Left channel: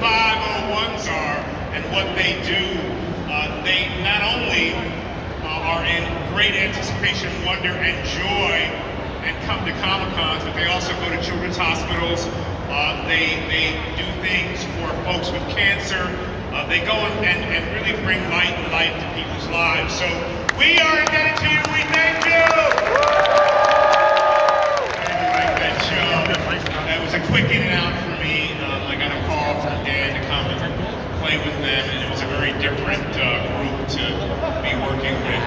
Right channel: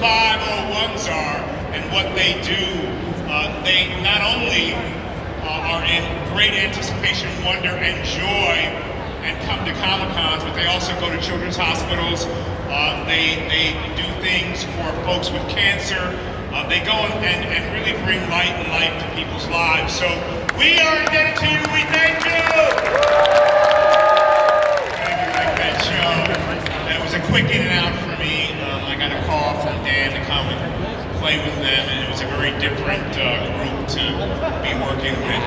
501s are and what they do. They not only are in great anticipation, wonder, and joy, and come to Comic-Cons, but they also go to children's hospitals. They do things for folks with cancer. They go and really bring light and life to people's lives. So we are indebted to you. We thank you. Thank you for that show. That was a quick in and out for me. I got a call from Dan to come and play with them, and it was a very different group to be working with.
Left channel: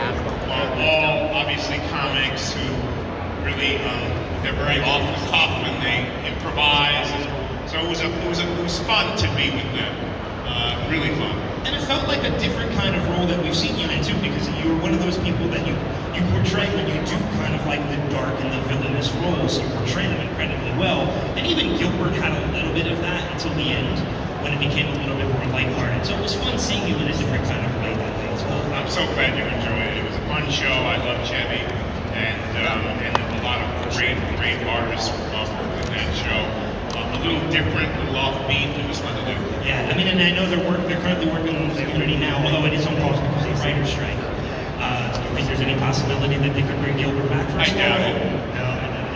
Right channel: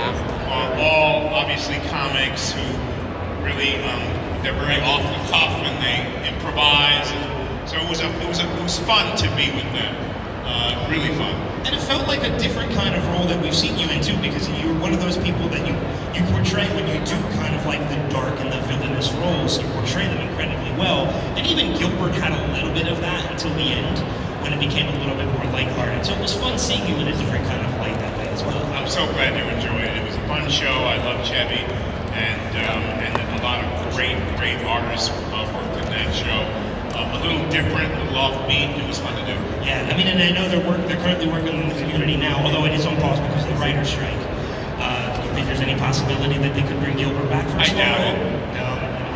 All obviously comics who really they're very off the cuff and they improvise, and so it was fun to be with them. Really fun. And it felt like a different kind of role that we've seen you in too, because you were one of those people that you portray when you do kind of like the dark and the villainous roles. You portray them incredibly well. And even Gilbert had a little bit of that until the end, when it became a little bit more lighthearted. So it was fun seeing you in a different kind of way that way as well. I'm so glad you enjoyed it. It was a fun show. I love Chevy, and a lot of great artists worked in that show. A little different, a little offbeat. It was fun to do. Yeah, I mean, and I know they're currently working in the community now, although it is on pause because of the writer's strike. Do you think there's any possibility that they could bring Gilbert back from school? I doubt it. No,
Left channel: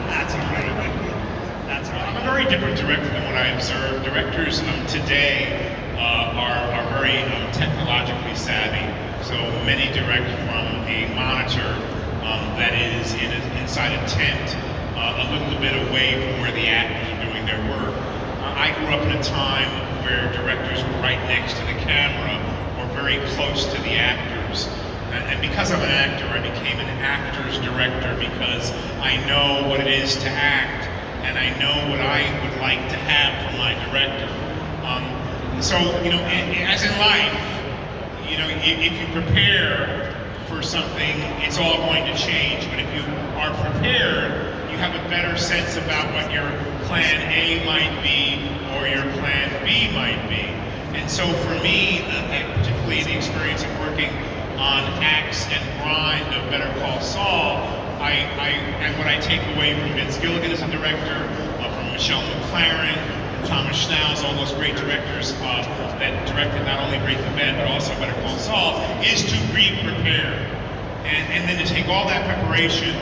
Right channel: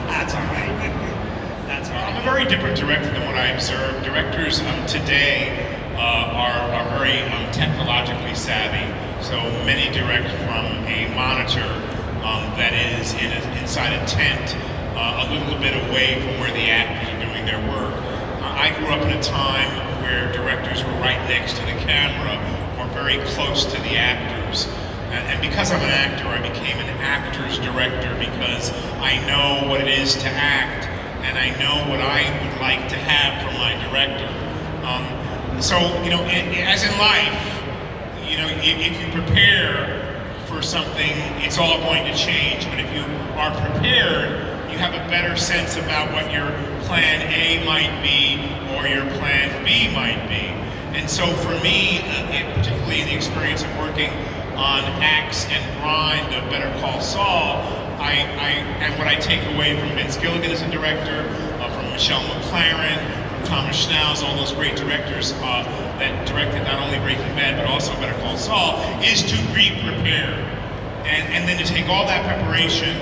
that's all right. That's all right. I'm a very different director than what I observed. Directors today are very technologically savvy. So many direct from a monitor that is inside a tent, a little bit away from where the actors are doing their work. I grew up in a time where directors were right next to the camera or very close to the actors. And because I'm an actor, I became an actor's director because I know what it is to act, and I know what I would like to have from my director. So, as in life, if you prepare for something, it's all going to change. But if you are prepared, you have a better sense about what your plan A might be or your plan B might be. And so for me, particularly in the experience of working on Axe and Grind of Better Call Saul, and what I take away from Vince Gilligan as a director, from Michelle McLaren, from Thomas Schnauz, all those great directors that directed not only Breaking Bad but also Better Call Saul, is to be prepared. And then to take all that preparation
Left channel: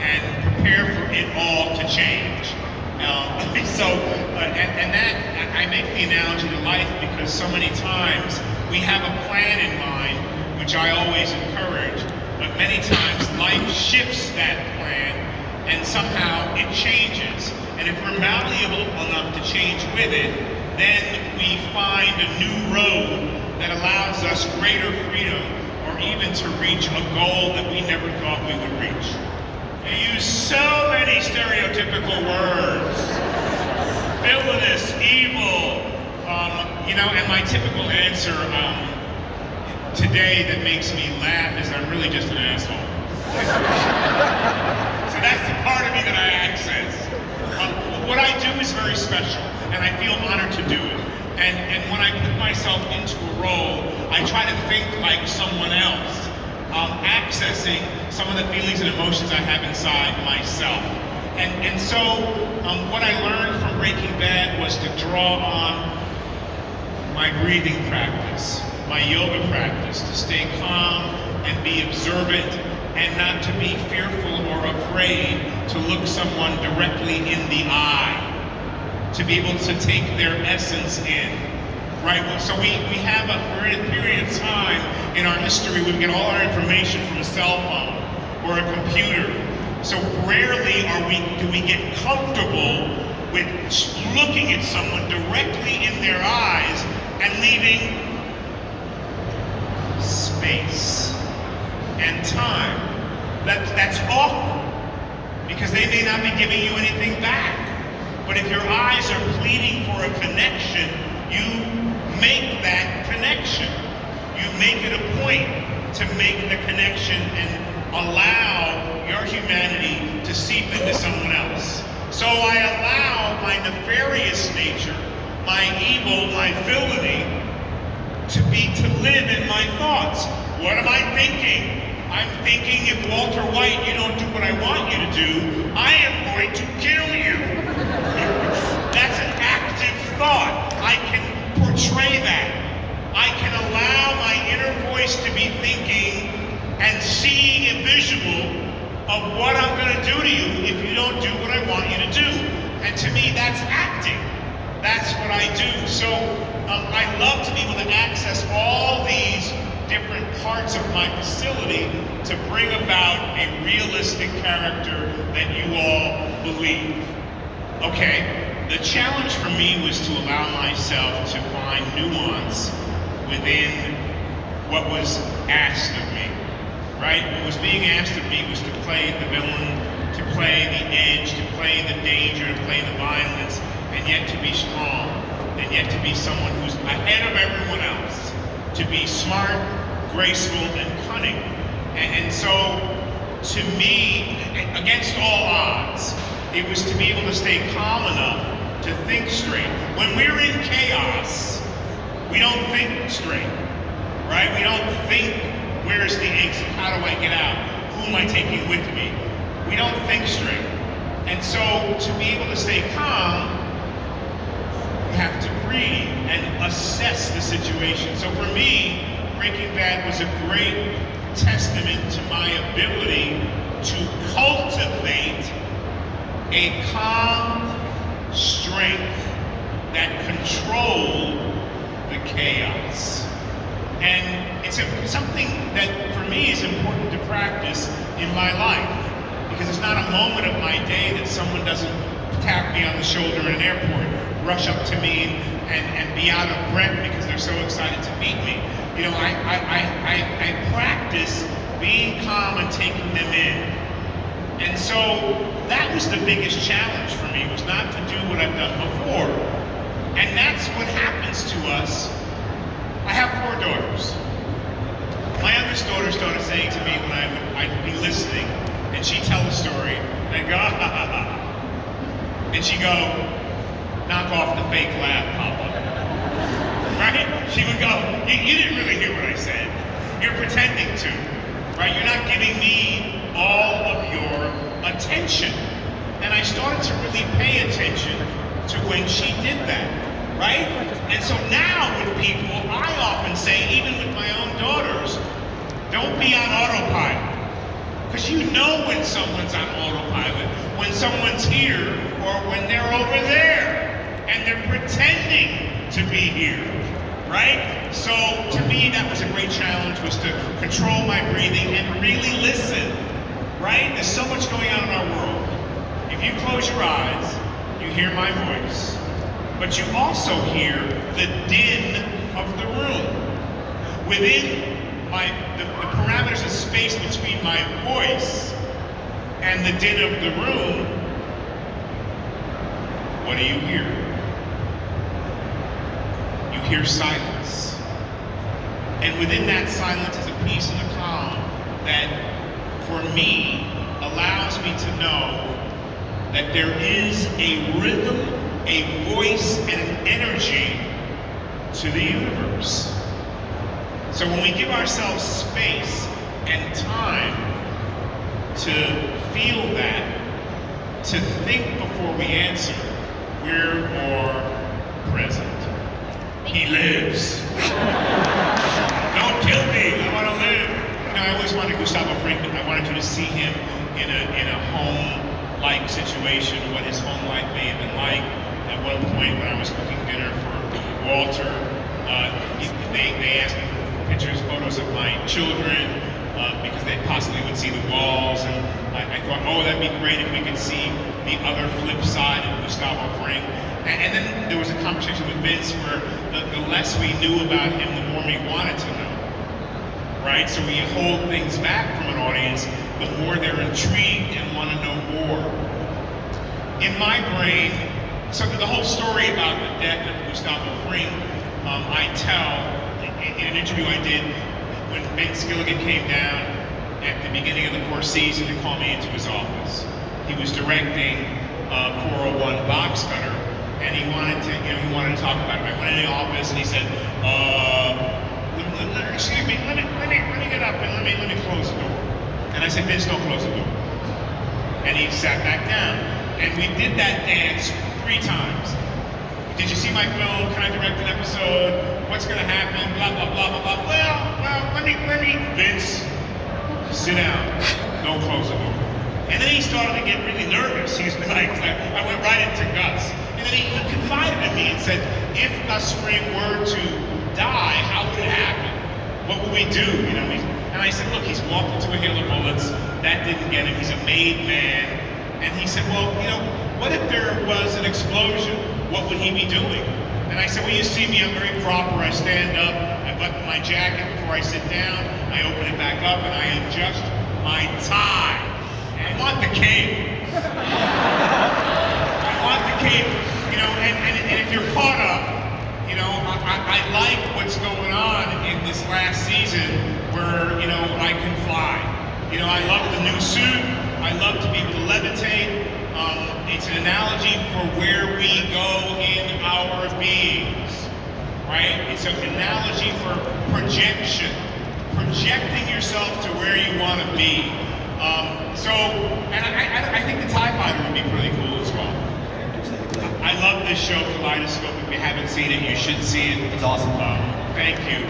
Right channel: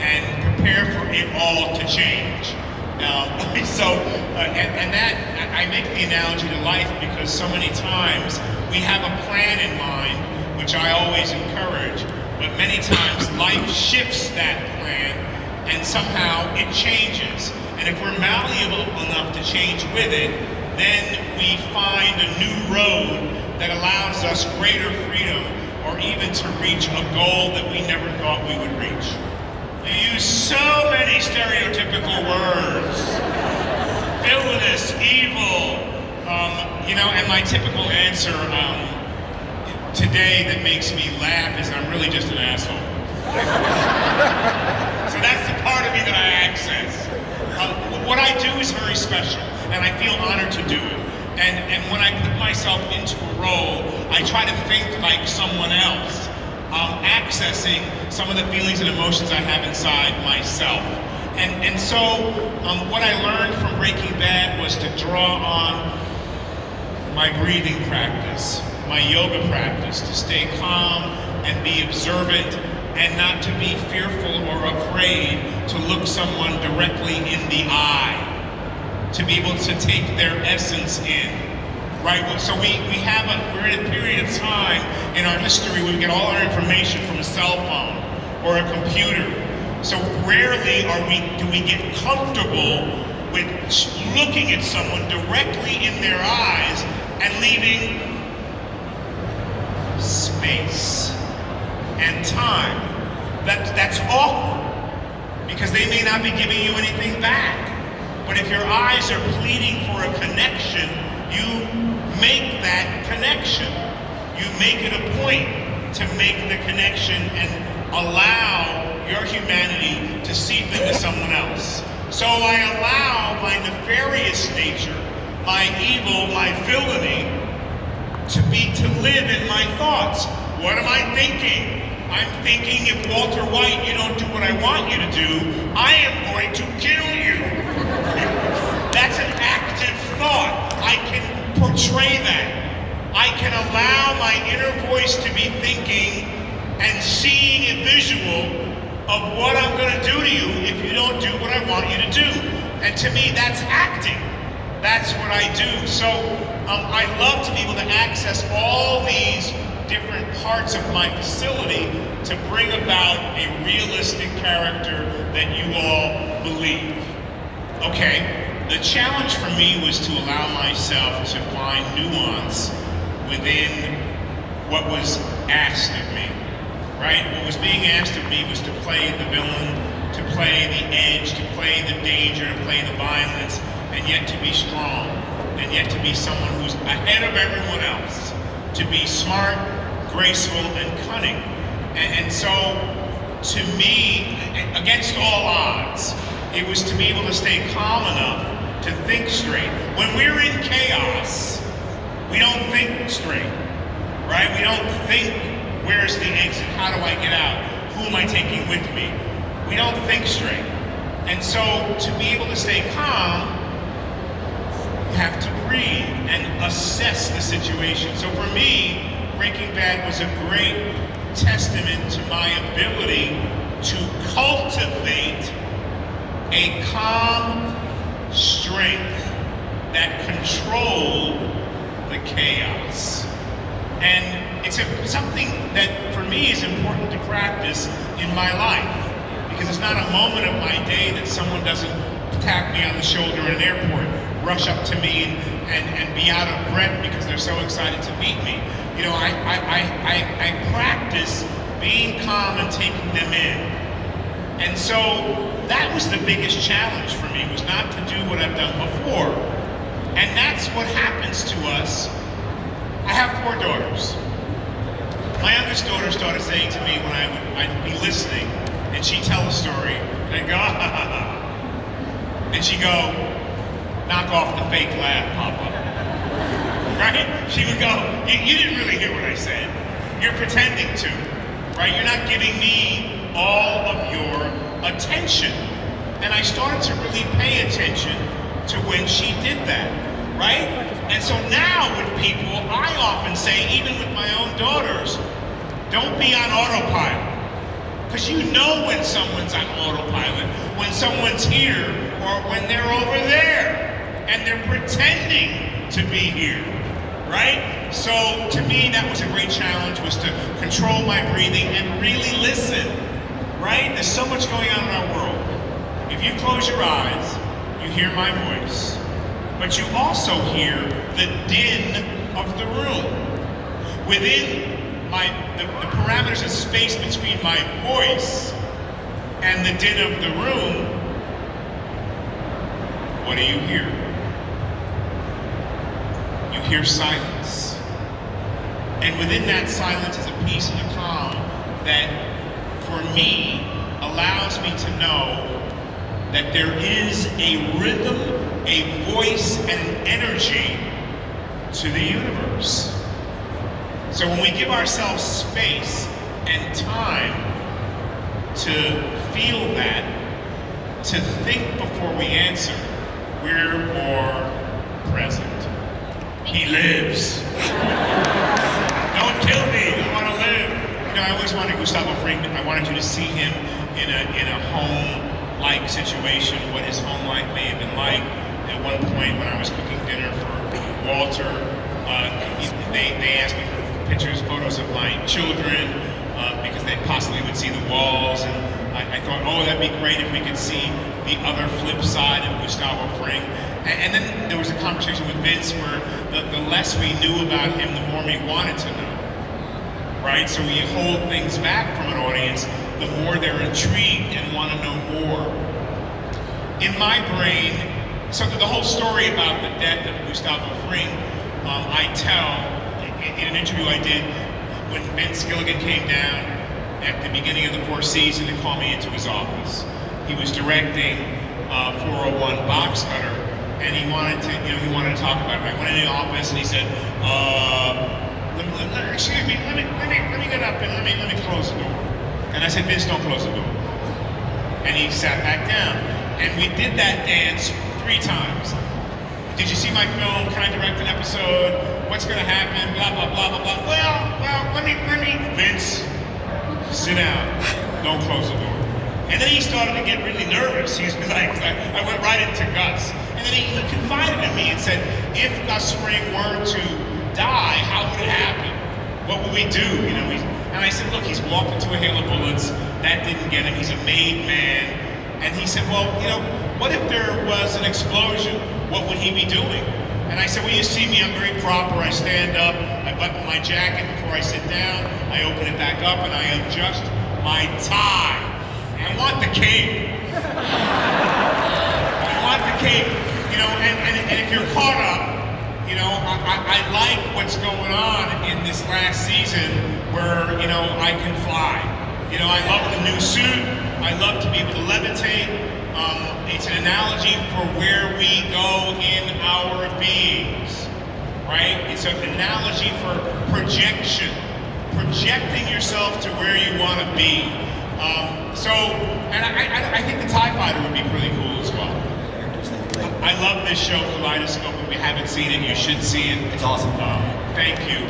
and prepare for it all to change. That I make the analogy to life because so many times we have a plan in mind, which I always encourage, but many times life shifts that plan and somehow it changes. And if we're malleable enough to change with it, then we find a new road that allows us greater freedom or even to reach a goal that we never thought we would reach. You use so many stereotypical words. Villainous, evil, and my typical answer today that makes me laugh is I'm really just an asshole. So that's the part of me that I access. What I do is very special, and I feel honored to do it. And when I put myself into a role, I try to think like someone else, accessing some of the feelings and emotions I have inside myself. And so what I learned from Breaking Bad was to draw on my breathing practice, my yoga practice, to stay calm and be observant and not to be fearful or afraid to look someone directly in the eye, to be able to take their essence in, right? So we're in a period of time in our history we get all our information from a cell phone or a computer. So rarely do we get comfortable with looking at someone directly in their eyes and leaving space and time. That's awkward because they may not be giving you anything back. But if your eyes are pleading for a connection, you make that connection. You make it a point to make the connection and allow your humanity to seep into someone else. So I allow my nefarious nature, my evil, my villainy, to live in my thoughts. What am I thinking? I'm thinking if Walter White, you don't do what I want you to do, I am going to kill you. That's an active thought. I can portray that. I can allow my inner voice to be thinking and seeing a visual of what I'm going to do to you if you don't do what I want you to do. And to me, that's acting. That's what I do. So I love to be able to access all these different parts of my facility to bring about a realistic character that you all believe. Okay, the challenge for me was to allow myself to find nuance within what was asked of me, right? What was being asked of me was to play the villain, to play the edge, to play the danger, to play the violence, and yet to be strong, and yet to be someone who's ahead of everyone else, to be smart, graceful, and cunning. And so, to me, against all odds, it was to be able to stay calm enough to think straight. When we're in chaos, we don't think straight, right? We don't think, where's the exit? How do I get out? Who am I taking with me? We don't think straight. And so, to be able to stay calm, you have to breathe and assess the situation. So for me, Breaking Bad was a great testament to my ability to cultivate a calm strength that controlled the chaos. And it's something that for me is important to practice in my life, because it's not a moment of my day that someone doesn't tap me on the shoulder in an airport, rush up to me and be out of breath because they're so excited to meet me. You know, I practice being calm and taking them in. And so that was the biggest challenge for me, was not to do what I've done before. And that's what happens to us. I have 4 daughters. My youngest daughter started saying to me when I'd be listening, and she'd tell a story, and I'd go, ha ha ha. And she'd go, knock off the fake laugh, Papa. Right? She would go, you didn't really hear what I said. You're pretending to, right? You're not giving me all of your attention. And I started to really pay attention to when she did that, right? And so now with people, I often say, even with my own daughters, don't be on autopilot. Because you know when someone's on autopilot, when someone's here, or when they're over there, and they're pretending to be here, right? So to me, that was a great challenge, was to control my breathing and really listen, right? There's so much going on in our world. If you close your eyes, you hear my voice, but you also hear the din of the room. Within the parameters of space between my voice and the din of the room, what do you hear? You hear silence. And within that silence is a peace and a calm that, for me, allows me to know that there is a rhythm, a voice, and an energy to the universe. So when we give ourselves space and time to feel that, to think before we answer, we're more present. He lives. Don't kill me, I want to live. You know, I always wanted Gustavo Fring, but I wanted you to see him in a home-like situation, what his home life may have been like. At one point when I was cooking dinner for Walter, they asked me for pictures, photos of my children, because they possibly would see the walls, and I thought, oh, that'd be great if we could see the other flip side of Gustavo Fring. And then there was a conversation with Vince where the less we knew about him, the more we wanted to know, right? So we hold things back from an audience, the more they're intrigued and want to know more. In my brain, so the whole story about the death of Gustavo Fring, I tell in an interview I did when Ben Skilligan came down at the beginning of the 4th season and called me into his office. He was directing 401 Box Cutter, and he wanted to talk about it. I went in the office and he said, excuse me, let me get up and let me close the door. And I said, Vince, don't close the door. And he sat back down. And we did that dance 3 times. Did you see my film? Can I direct an episode? what's going to happen, blah, blah, blah, blah, blah. Well, let me, Vince, sit down, don't close the door. And then he started to get really nervous. He was like, I went right into Gus. And then he confided in me and said, if Gus Fring were to die, how would it happen? What would we do? And I said, look, he's walked into a hail of bullets. That didn't get him. He's a made man. And he said, well, what if there was an explosion? What would he be doing? And I said, well, you see me, I'm very proper. I stand up, I button my jacket before I sit down, I open it back up, and I adjust my tie. I want the cape. I want the cape. And if you're caught up, I like what's going on in this last season where, I can fly. I love the new suit. I love to be able to levitate. It's an analogy for where we go in our beings, right? It's an analogy for projection, projecting yourself to where you want to be. I think the TIE Fighter would be pretty cool as well. I love this show, Kaleidoscope. If you haven't seen it, you should see it. It's awesome. Thank you.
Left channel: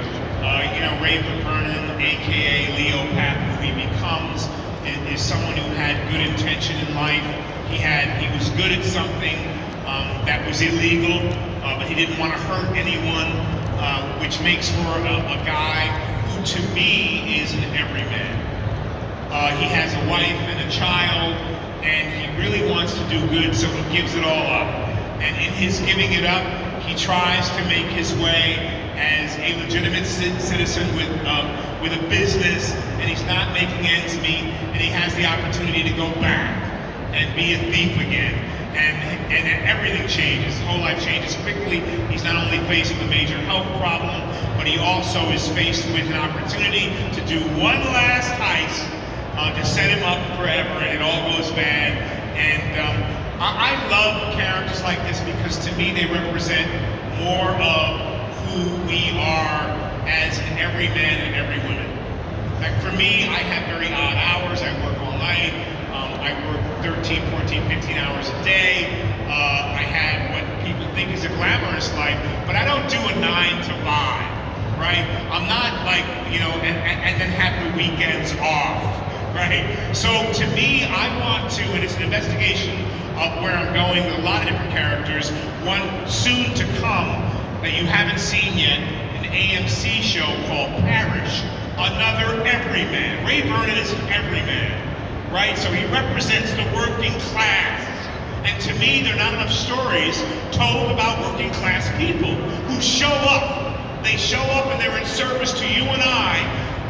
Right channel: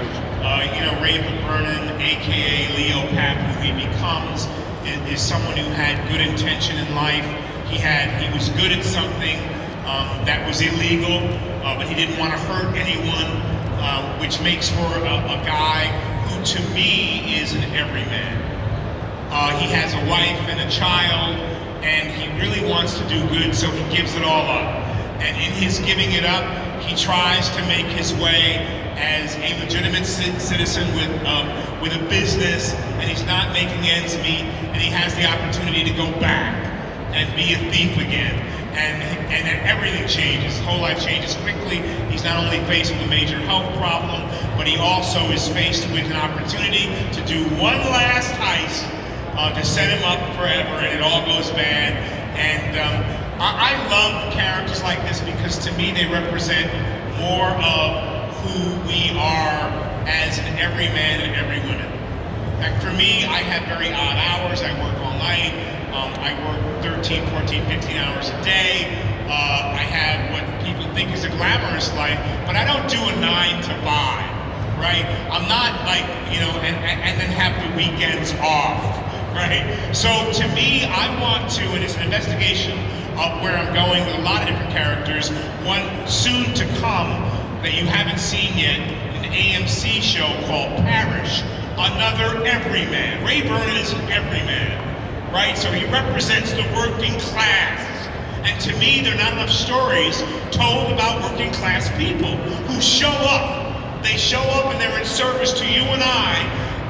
Ray Vernon, aka Leo Pap, who he becomes, is someone who had good intention in life. He was good at something that was illegal, but he didn't want to hurt anyone, which makes for a guy who, to me, is an everyman. He has a wife and a child, and he really wants to do good, so he gives it all up. And in his giving it up, he tries to make his way as a legitimate citizen with a business, and he's not making ends meet, and he has the opportunity to go back and be a thief again. And everything changes. His whole life changes quickly. He's not only faced with a major health problem, but he also is faced with an opportunity to do one last heist to set him up forever, and it all goes bad. And I love characters like this because to me they represent more of who we are as an everyman and every woman. Like for me, I have very odd hours. I work all night. I work 13, 14, 15 hours a day. I have what people think is a glamorous life, but I don't do a 9 to 5, right? I'm not like, and then have the weekends off, right? So to me, I want to, and it's an investigation of where I'm going with a lot of different characters. One soon to come that you haven't seen yet, an AMC show called Parish, another everyman. Ray Vernon is an everyman, right? So he represents the working class. And to me, there are not enough stories told about working class people who show up. They show up and they're in service to you and I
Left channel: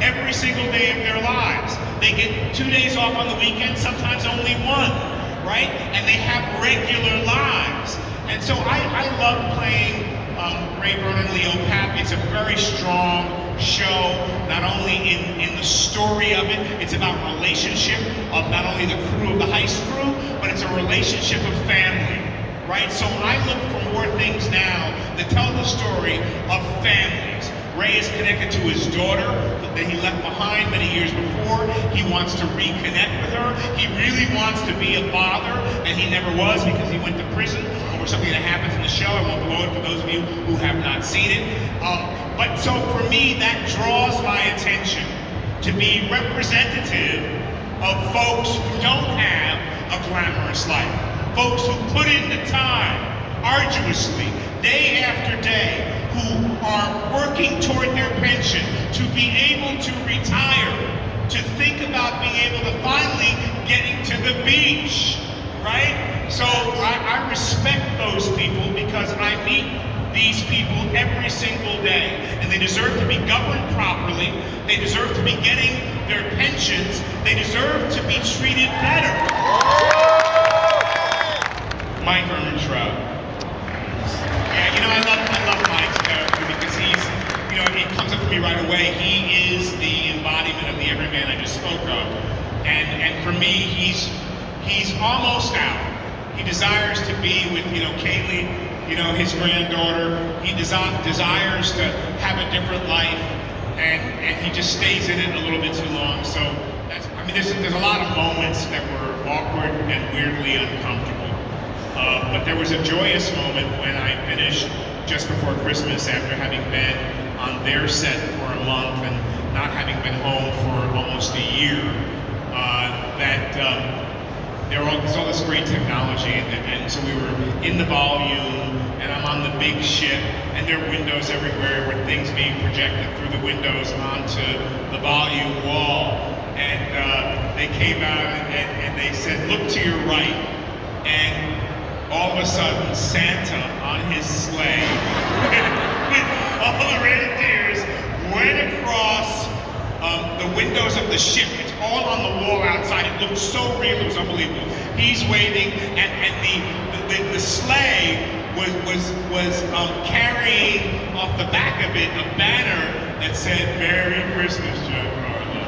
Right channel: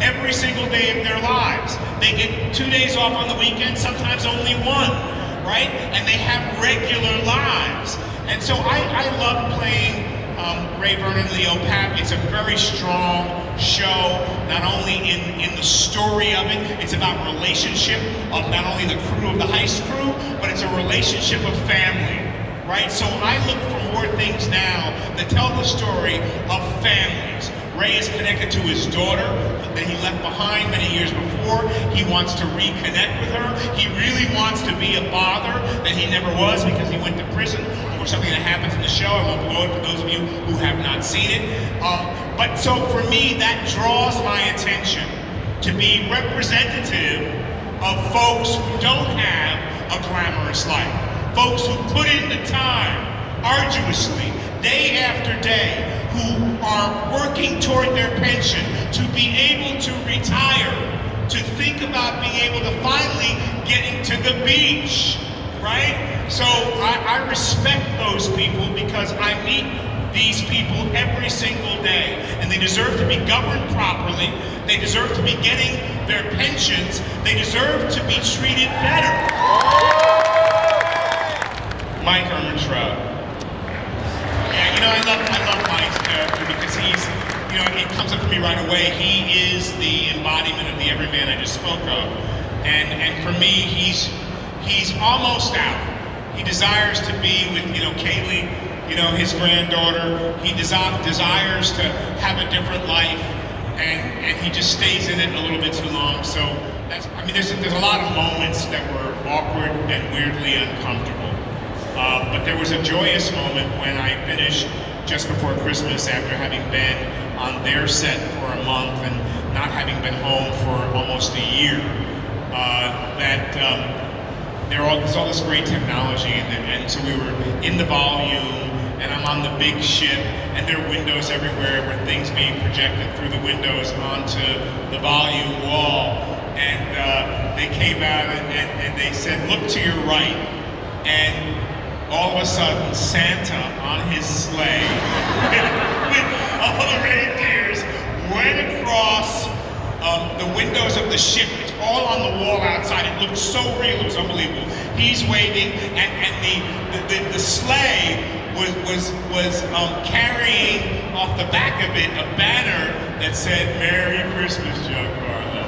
every single day of their lives. They get 2 days off on the weekend, sometimes only 1, right? And they have regular lives. And so I love playing Ray Vernon, Leo Pap. It's a very strong show, not only in the story of it, it's about relationship of not only the crew of the heist crew, but it's a relationship of family, right? So I look for more things now that tell the story of families. Ray is connected to his daughter that he left behind many years before. He wants to reconnect with her. He really wants to be a father that he never was because he went to prison over something that happens in the show. I won't blow it for those of you who have not seen it. But so for me, that draws my attention to be representative of folks who don't have a glamorous life. Folks who put in the time, arduously, day after day, who are working toward their pension, to be able to retire, to think about being able to finally getting to the beach, right? So I respect those people because I meet these people every single day, and they deserve to be governed properly. They deserve to be getting their pensions. They deserve to be treated better. Mike Ehrmantraut. I love Mike's character because he's, it comes up for me right away. He is the embodiment of the everyman I just spoke of. And for me, he's almost out. He desires to be with, Kaylee, his granddaughter. He desires to have a different life, and he just stays in it a little bit too long. So there's a lot of moments that were awkward and weirdly uncomfortable. But there was a joyous moment when I finished just before Christmas after having been their set for a month and not having been home for almost a year, there's all this great technology, and so we were in the volume, and I'm on the big ship, and there are windows everywhere with things being projected through the windows onto the volume wall, and they came out and they said, look to your right, and all of a sudden Santa on his sleigh with all the reindeers went across the windows of the ship. It's all on the wall outside. It looked so real, it was unbelievable. He's waving, and the sleigh was carrying off the back of it a banner that said "Merry Christmas, Giancarlo."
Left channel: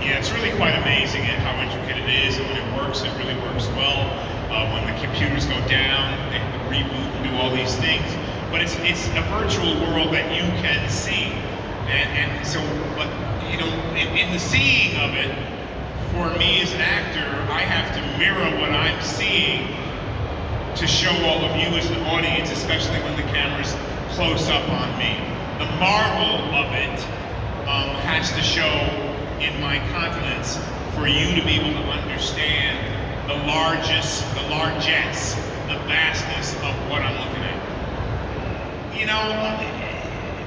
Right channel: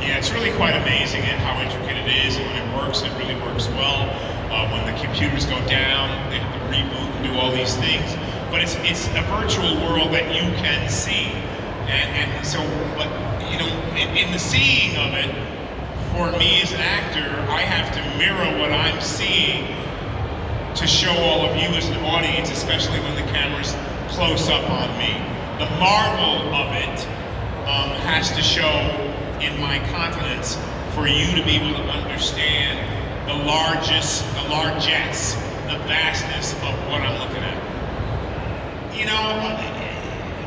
Yeah, it's really quite amazing at how intricate it is, and when it works, it really works well. When the computers go down, they have to reboot and do all these things. But it's a virtual world that you can see. And so, but, you know, in the seeing of it, for me as an actor, I have to mirror what I'm seeing to show all of you as an audience, especially when the camera's close up on me. The marvel of it has to show in my countenance for you to be able to understand the largesse, the vastness of what I'm looking at. You know,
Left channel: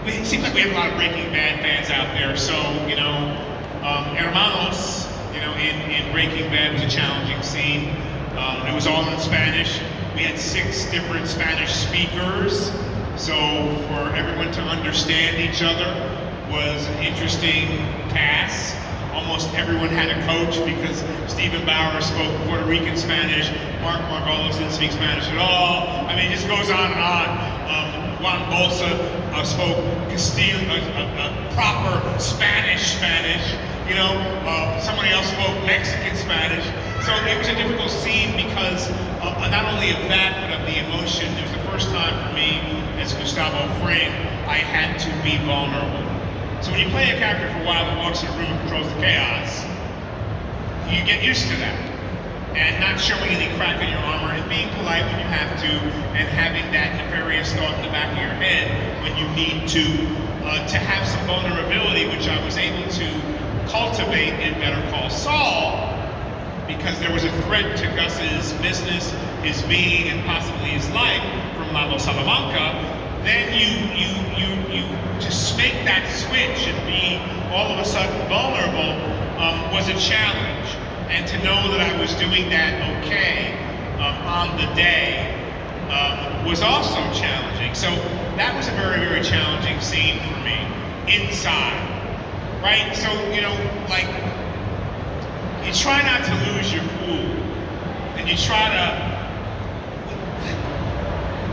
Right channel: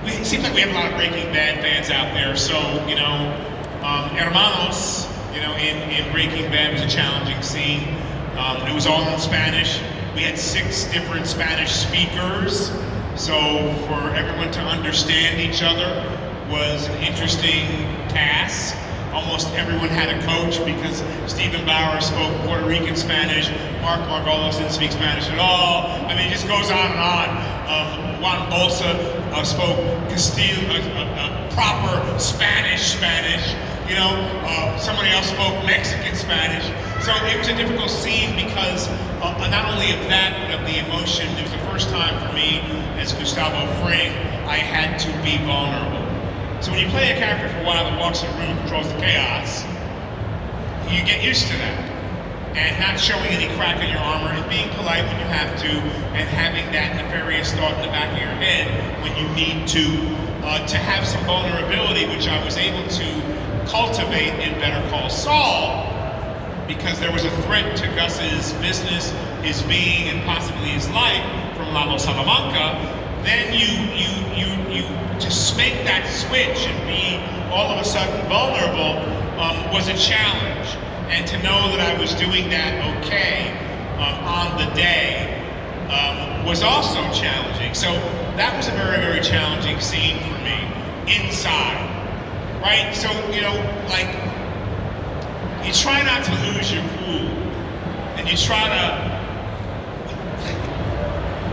it seems like we have a lot of Breaking Bad fans out there, so, you know, Hermanos, you know, in Breaking Bad was a challenging scene. It was all in Spanish. We had 6 different Spanish speakers, so for everyone to understand each other was an interesting task. Almost everyone had a coach because Stephen Bauer spoke Puerto Rican Spanish, Mark Margolis didn't speak Spanish at all. I mean, it just goes on and on. Juan Bolsa spoke Castile, proper Spanish, you know, somebody else spoke Mexican Spanish. So it was a difficult scene because not only of that, but of the emotion. It was the first time for me as Gustavo Fring, I had to be vulnerable. So when you play a character for a while that walks in the room and controls the chaos, you get used to that. And not showing any crack in your armor, and being polite when you have to, and having that nefarious thought in the back of your head when you need to have some vulnerability, which I was able to cultivate in Better Call Saul, because there was a threat to Gus's business, his being, and possibly his life from Lalo Salamanca. Then you just make that switch and be all of a sudden vulnerable was a challenge. And to know that I was doing that okay on the day was also challenging. So that was a very, very challenging scene for me inside, right? So, you know, like, you try not to lose your cool, and you try to,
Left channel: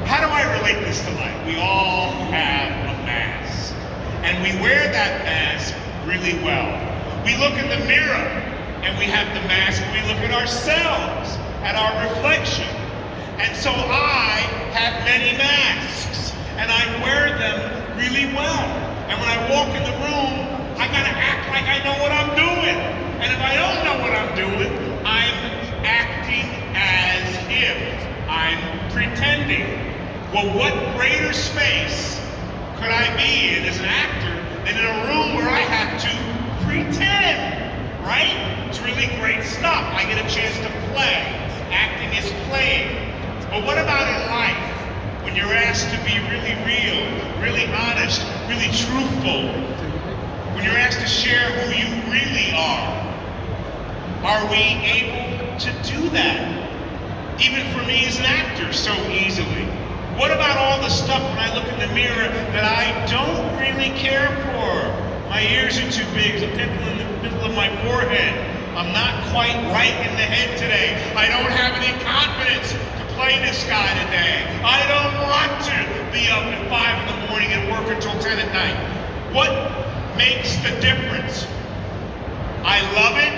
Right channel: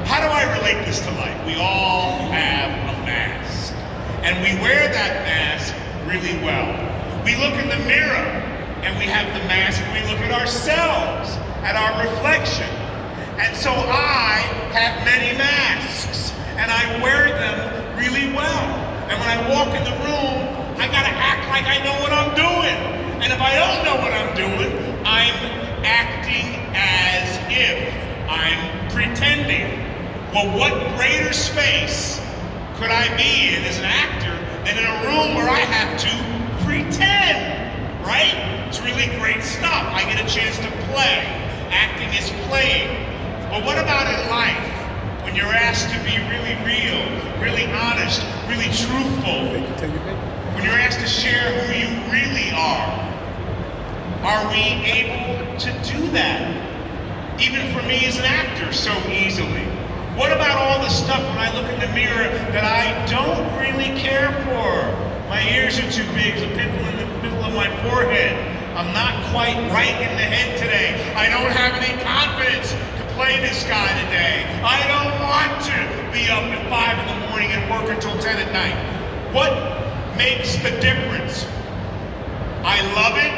how do I relate this to life? We all have a mask, and we wear that mask really well. We look in the mirror, and we have the mask, and we look at ourselves, at our reflection. And so I have many masks, and I wear them really well. And when I walk in the room, I gotta act like I know what I'm doing. And if I don't know what I'm doing, I'm acting as if I'm pretending. Well, what greater space could I be in as an actor than in a room where I have to pretend, right? It's really great stuff. I get a chance to play. Acting is playing. But what about in life? When you're asked to be really real, really honest, really truthful. When you're asked to share who you really are we able to do that? Even for me as an actor, so easily. What about all the stuff when I look in the mirror that I don't really care for? My ears are too big, there's a pimple in the middle of my forehead. I'm not quite right in the head today. I don't have any confidence to play this guy today. I don't want to be up at 5 in the morning and work until 10 at night. What makes the difference? I love it,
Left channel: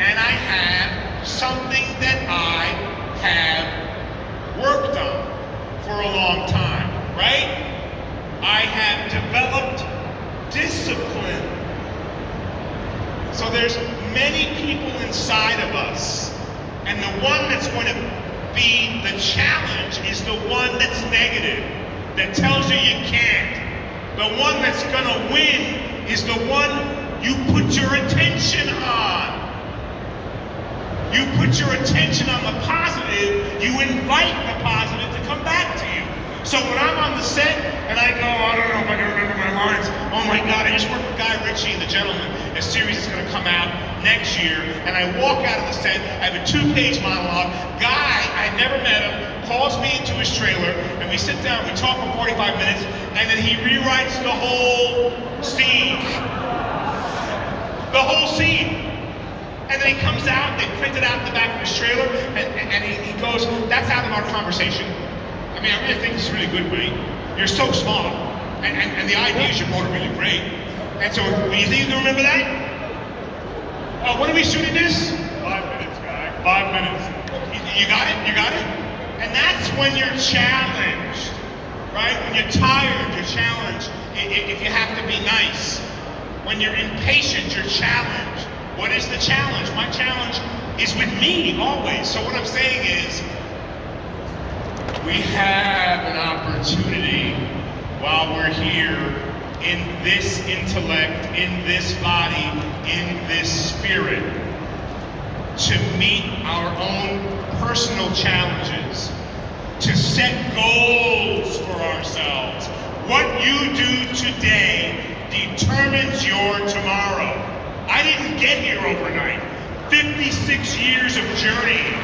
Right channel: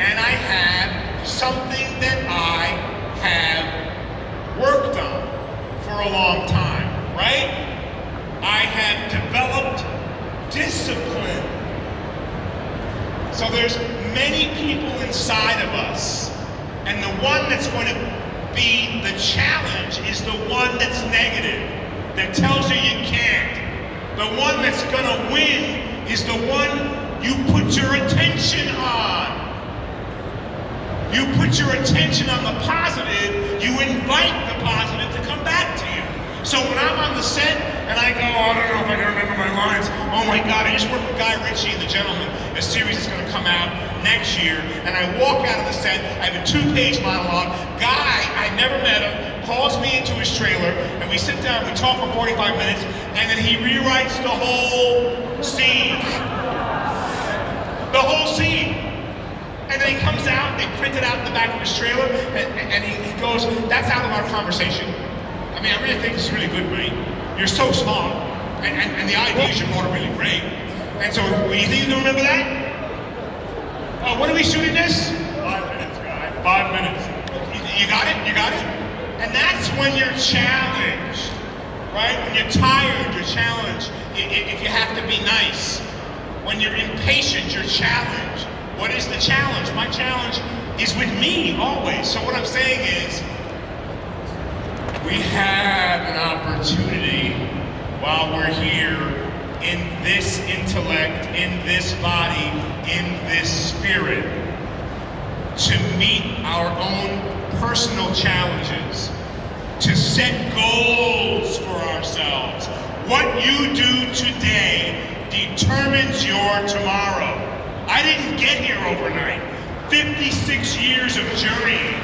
and I have something that I have worked on for a long time, right? I have developed discipline. So there's many people inside of us, and the one that's going to be the challenge is the one that's negative, that tells you you can't, The one that's gonna win is the one you put your attention on. You put your attention on the positive, you invite the positive to come back to you. So when I'm on the set and I go, I don't know if I can remember my lines. Oh my God, I just worked with Guy Ritchie and The Gentleman. A series is gonna come out next year. And I walk out of the set, I have a 2-page monologue. Guy, I never met him, calls me into his trailer, and we sit down, we talk for 45 minutes, and then he rewrites the whole scene. The whole scene. And then he comes out, they print it out in the back of his trailer, and he goes, that's out of our conversation. I mean, I really think this is really good, Ray. You're so smart, and the ideas you brought are really great. And so, do you think you can remember that? When are we shooting this? 5 minutes, guy. 5 minutes. You got it? You got it? And that's when you're challenged, right? When you're tired, you're challenged. If you have to be nice. When you're impatient, you're challenged. What is the challenge? My challenge is with me, always. So what I'm saying is, we have an opportunity while we're here in this intellect, in this body, in this spirit, to meet our own personal challenges, to set goals for ourselves. What you do today determines your tomorrow. I didn't get here overnight. 56 years of journey.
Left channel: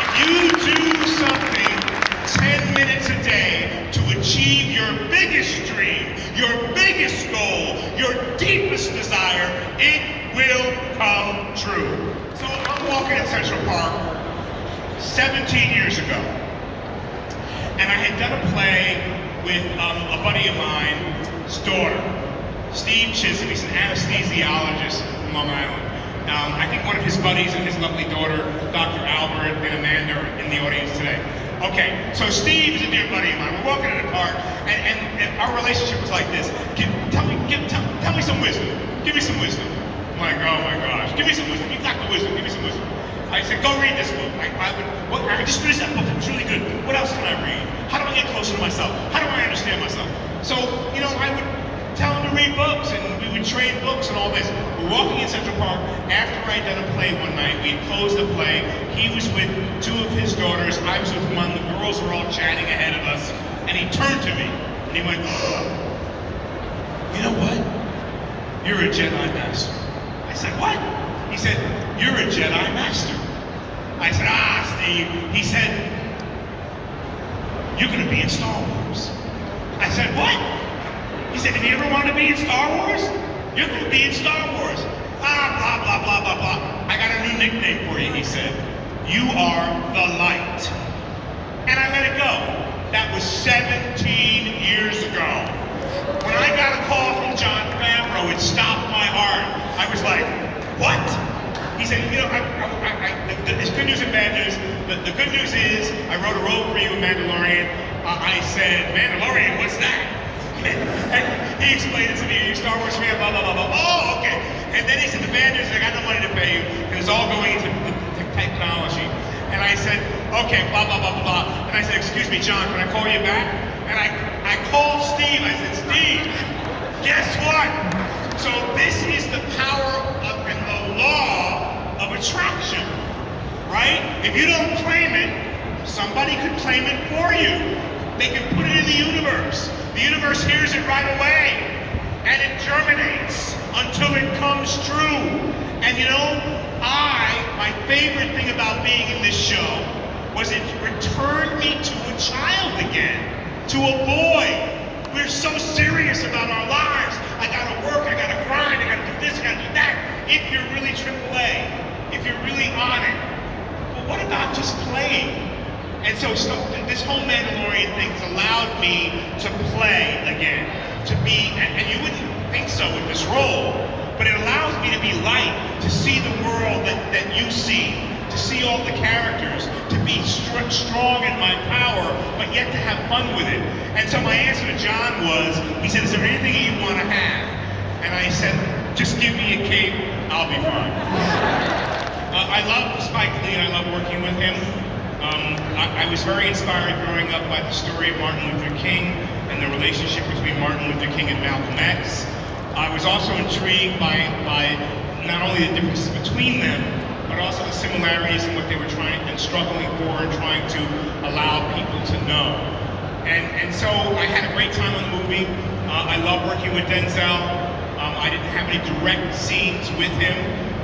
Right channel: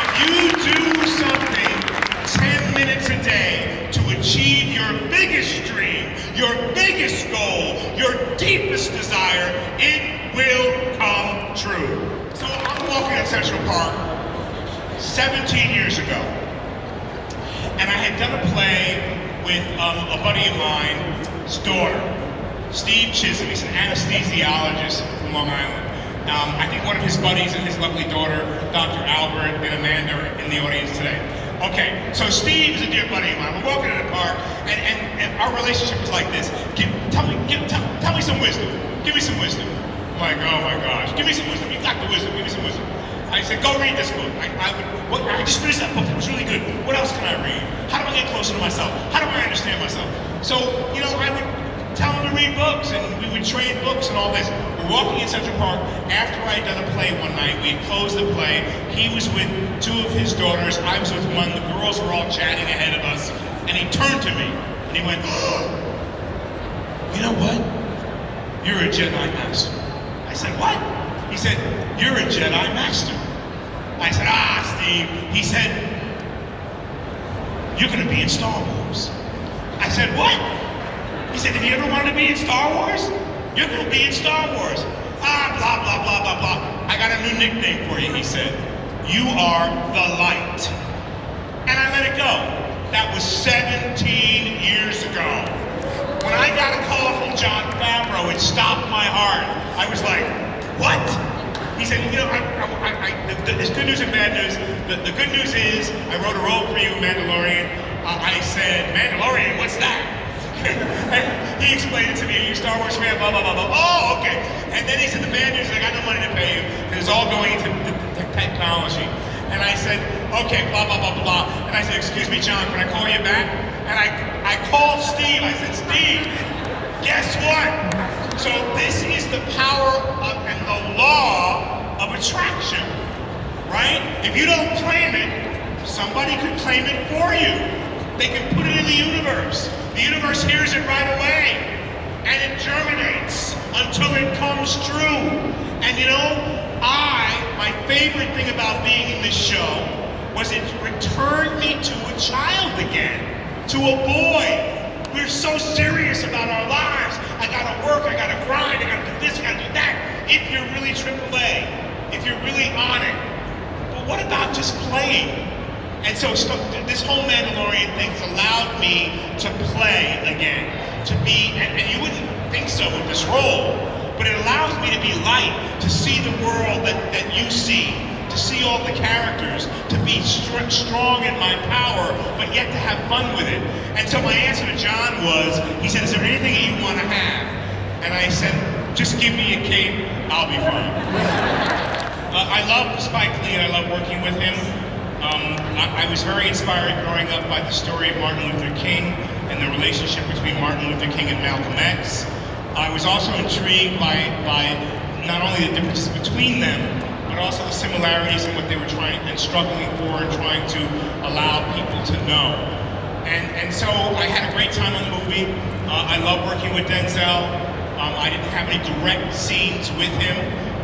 If you do something 10 minutes a day to achieve your biggest dream, your biggest goal, your deepest desire, it will come true. So I'm walking in Central Park 17 years ago, and I had done a play with a buddy of mine's daughter, Steve Chisholm. He's an anesthesiologist from Long Island. I think one of his buddies and his lovely daughter, Dr. Albert and Amanda, are in the audience today. Okay, so Steve is a dear buddy of mine. We're walking in the park, and our relationship was like this. Tell me some wisdom. Give me some wisdom. I'm like, oh my gosh, give me some wisdom. You got the wisdom. Give me some wisdom. I said, go read this book. I would just finish that book. It was really good. What else can I read? How do I get closer to myself? How do I understand myself? So, I would tell him to read books, and we would trade books and all this. We're walking in Central Park. After I'd done a play one night, we closed the play. He was with 2 of his daughters. I was with one. The girls were all chatting ahead of us. And he turned to me, and he went, oh, you know what? You're a Jedi Master. I said, what? He said, you're a Jedi Master. I said, Steve. He said, you're going to be in Star Wars. I said, what? He said, if you ever wanted to be in Star Wars, you're going to be in Star Wars. Blah, blah, blah, blah, blah. I got a new nickname for you, he said. You are the light. And I let it go. That was 17 years ago. When I got a call from Jon Favreau, it stopped my heart. I was like, what? He said, there's good news and bad news. The good news is, I wrote a role for you in Mandalorian. I said, Mandalorian, what's that? And he explained it to me. Are you a Star Wars fan? Blah, blah, blah, blah. Oh, okay. And then he said, the bad news is I got no money to pay you. And it's all going into the technology. And I said, okay, blah, blah, blah, blah, blah. And I said, excuse me, John, can I call you back? And I called Steve. I said, Steve, guess what? So this is the power and the law of attraction, right? If you don't claim it, somebody could claim it for you. They can put it in the universe. The universe hears it right away, and it germinates until it comes true. And my favorite thing about being in this show was it returned me to a child again, to a boy. We're so serious about our lives. I gotta work, I gotta grind, I gotta do this, I gotta do that. If you're really AAA, if you're really on it. But what about just playing? And so this whole Mandalorian thing has allowed me to play again, to be, and you wouldn't think so with this role, but it allows me to be light, to see the world that you see, to see all the characters, to be strong in my power, but yet to have fun with it. And so my answer to John was, he said, is there anything you want to have? And I said, just give me a cape, I'll be fine. I love Spike Lee, I love working with him. I was very inspired growing up by the story of Martin Luther King and the relationship between Martin Luther King and Malcolm X. I was also intrigued by not only the differences between them, but also the similarities in what they were trying and struggling for and trying to allow people to know. And so I had a great time on the movie. I love working with Denzel. I didn't have any direct scenes with him,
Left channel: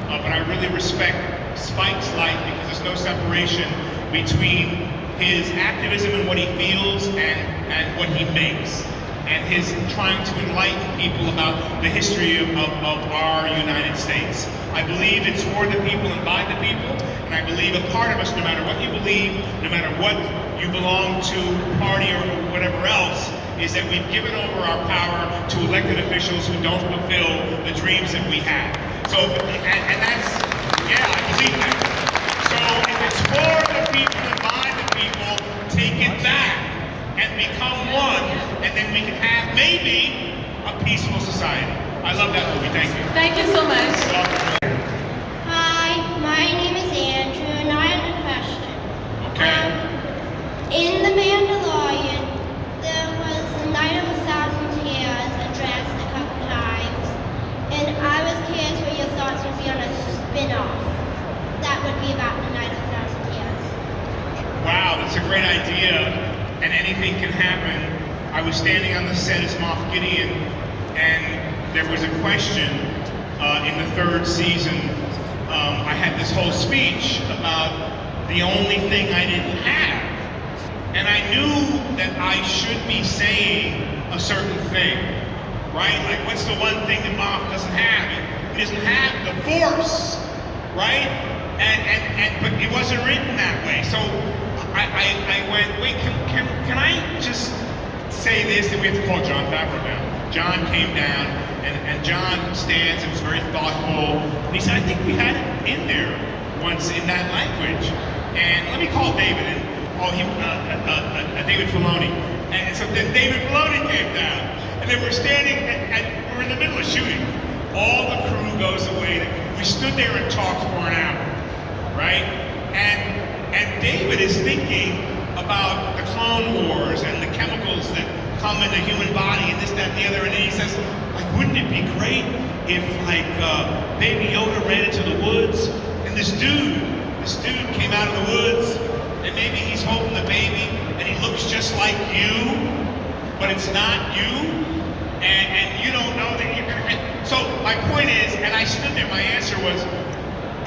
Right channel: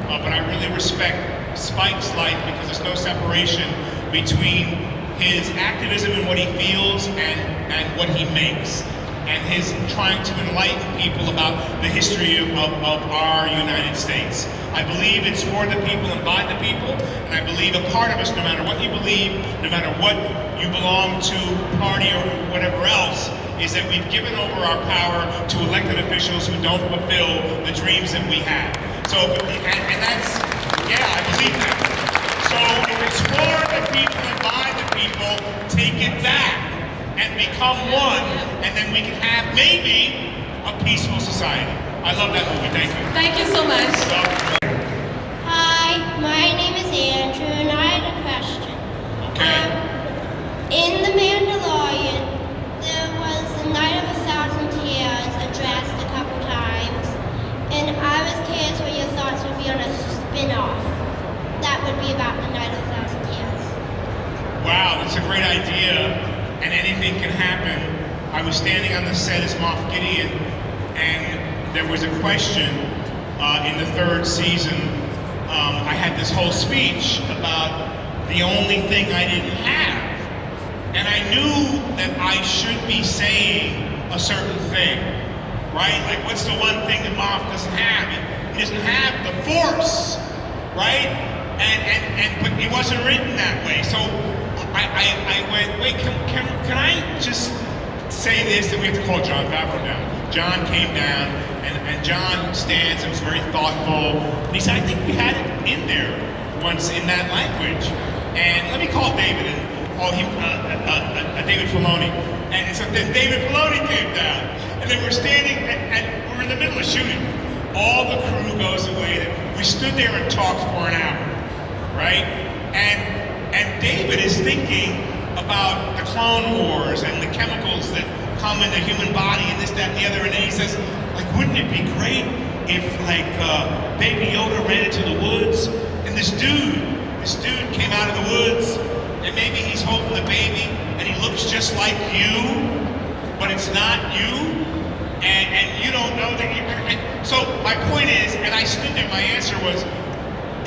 but I really respect Spike's life because there's no separation between his activism and what he feels and what he makes, and his trying to enlighten people about the history of our United States. I believe it's for the people and by the people, and I believe a part of us, no matter what you believe, no matter what you belong to, party or whatever else, is that we've given over our power to elected officials who don't fulfill the dreams that we have. So, and that's, yeah, I believe that. So if it's for the people and by the people, take it back and become one, and then we can have maybe a peaceful society. I love that movie. Thank you. Thank you so much. Hi, my name is Andrew, and I have a question. Okay. In The Mandalorian, there was the Night of 1,000 Tears addressed a couple times, and I was curious what your thoughts would be on a spin-off that would be about the Night of 1,000 Tears. Wow, that's a great idea, and anything can happen. I was standing on the set as Moff Gideon, and there was a question in the third season. I had this whole speech about the only thing I didn't have. And I knew that I should be saying a certain thing, right? Like, what's the one thing that Moff doesn't have? He doesn't have the Force, right? But it wasn't written that way. So I went, wait, can I just say this? That we have to call John Favreau down. John came down, and John stands and was very thoughtful. And he said, I think we had it in there once in that language. And let me call David and David Filoni. And so then David Filoni came down, and they were standing, and we're in the middle of shooting. All the crew goes away. We stood there and talked for an hour, right? And David is thinking about the Clone Wars and the chemicals that come in the human body and this, that, and the other. And then he says, like, wouldn't it be great if, like, Baby Yoda ran into the woods, and this dude came out of the woods, and maybe he's holding the baby, and he looks just like you, but it's not you, and you don't know that you're... So my point is, and I stood there, my answer was,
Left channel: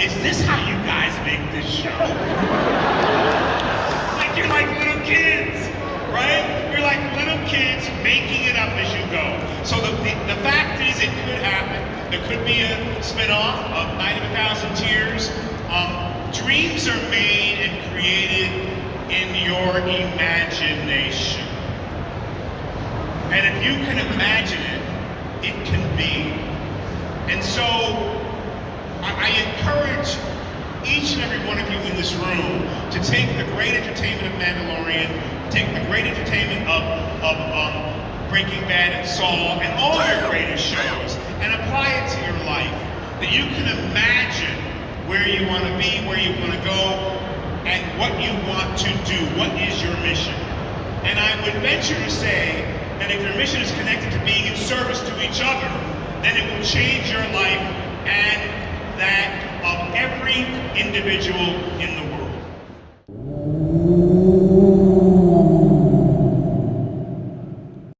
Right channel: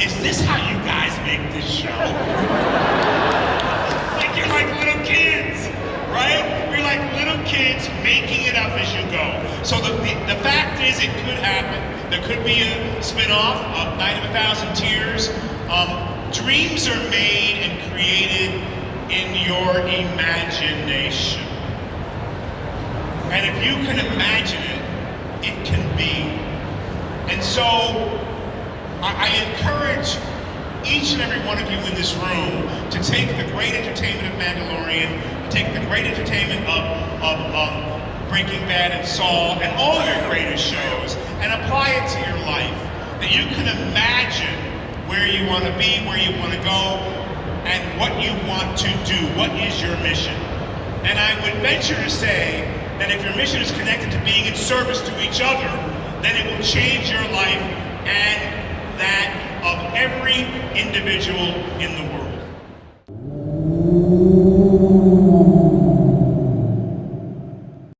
is this how you guys make this show? Like, you're like little kids, right? You're like little kids making it up as you go. So the fact is, it could happen. There could be a spin-off of Night of 1,000 Tears. Dreams are made and created in your imagination. And if you can imagine it, it can be. And so I encourage each and every one of you in this room to take the great entertainment of Mandalorian, take the great entertainment of Breaking Bad and Saul and all your greatest shows and apply it to your life. That you can imagine where you want to be, where you want to go, and what you want to do. What is your mission? And I would venture to say that if your mission is connected to being in service to each other, then it will change your life and that of every individual in the world.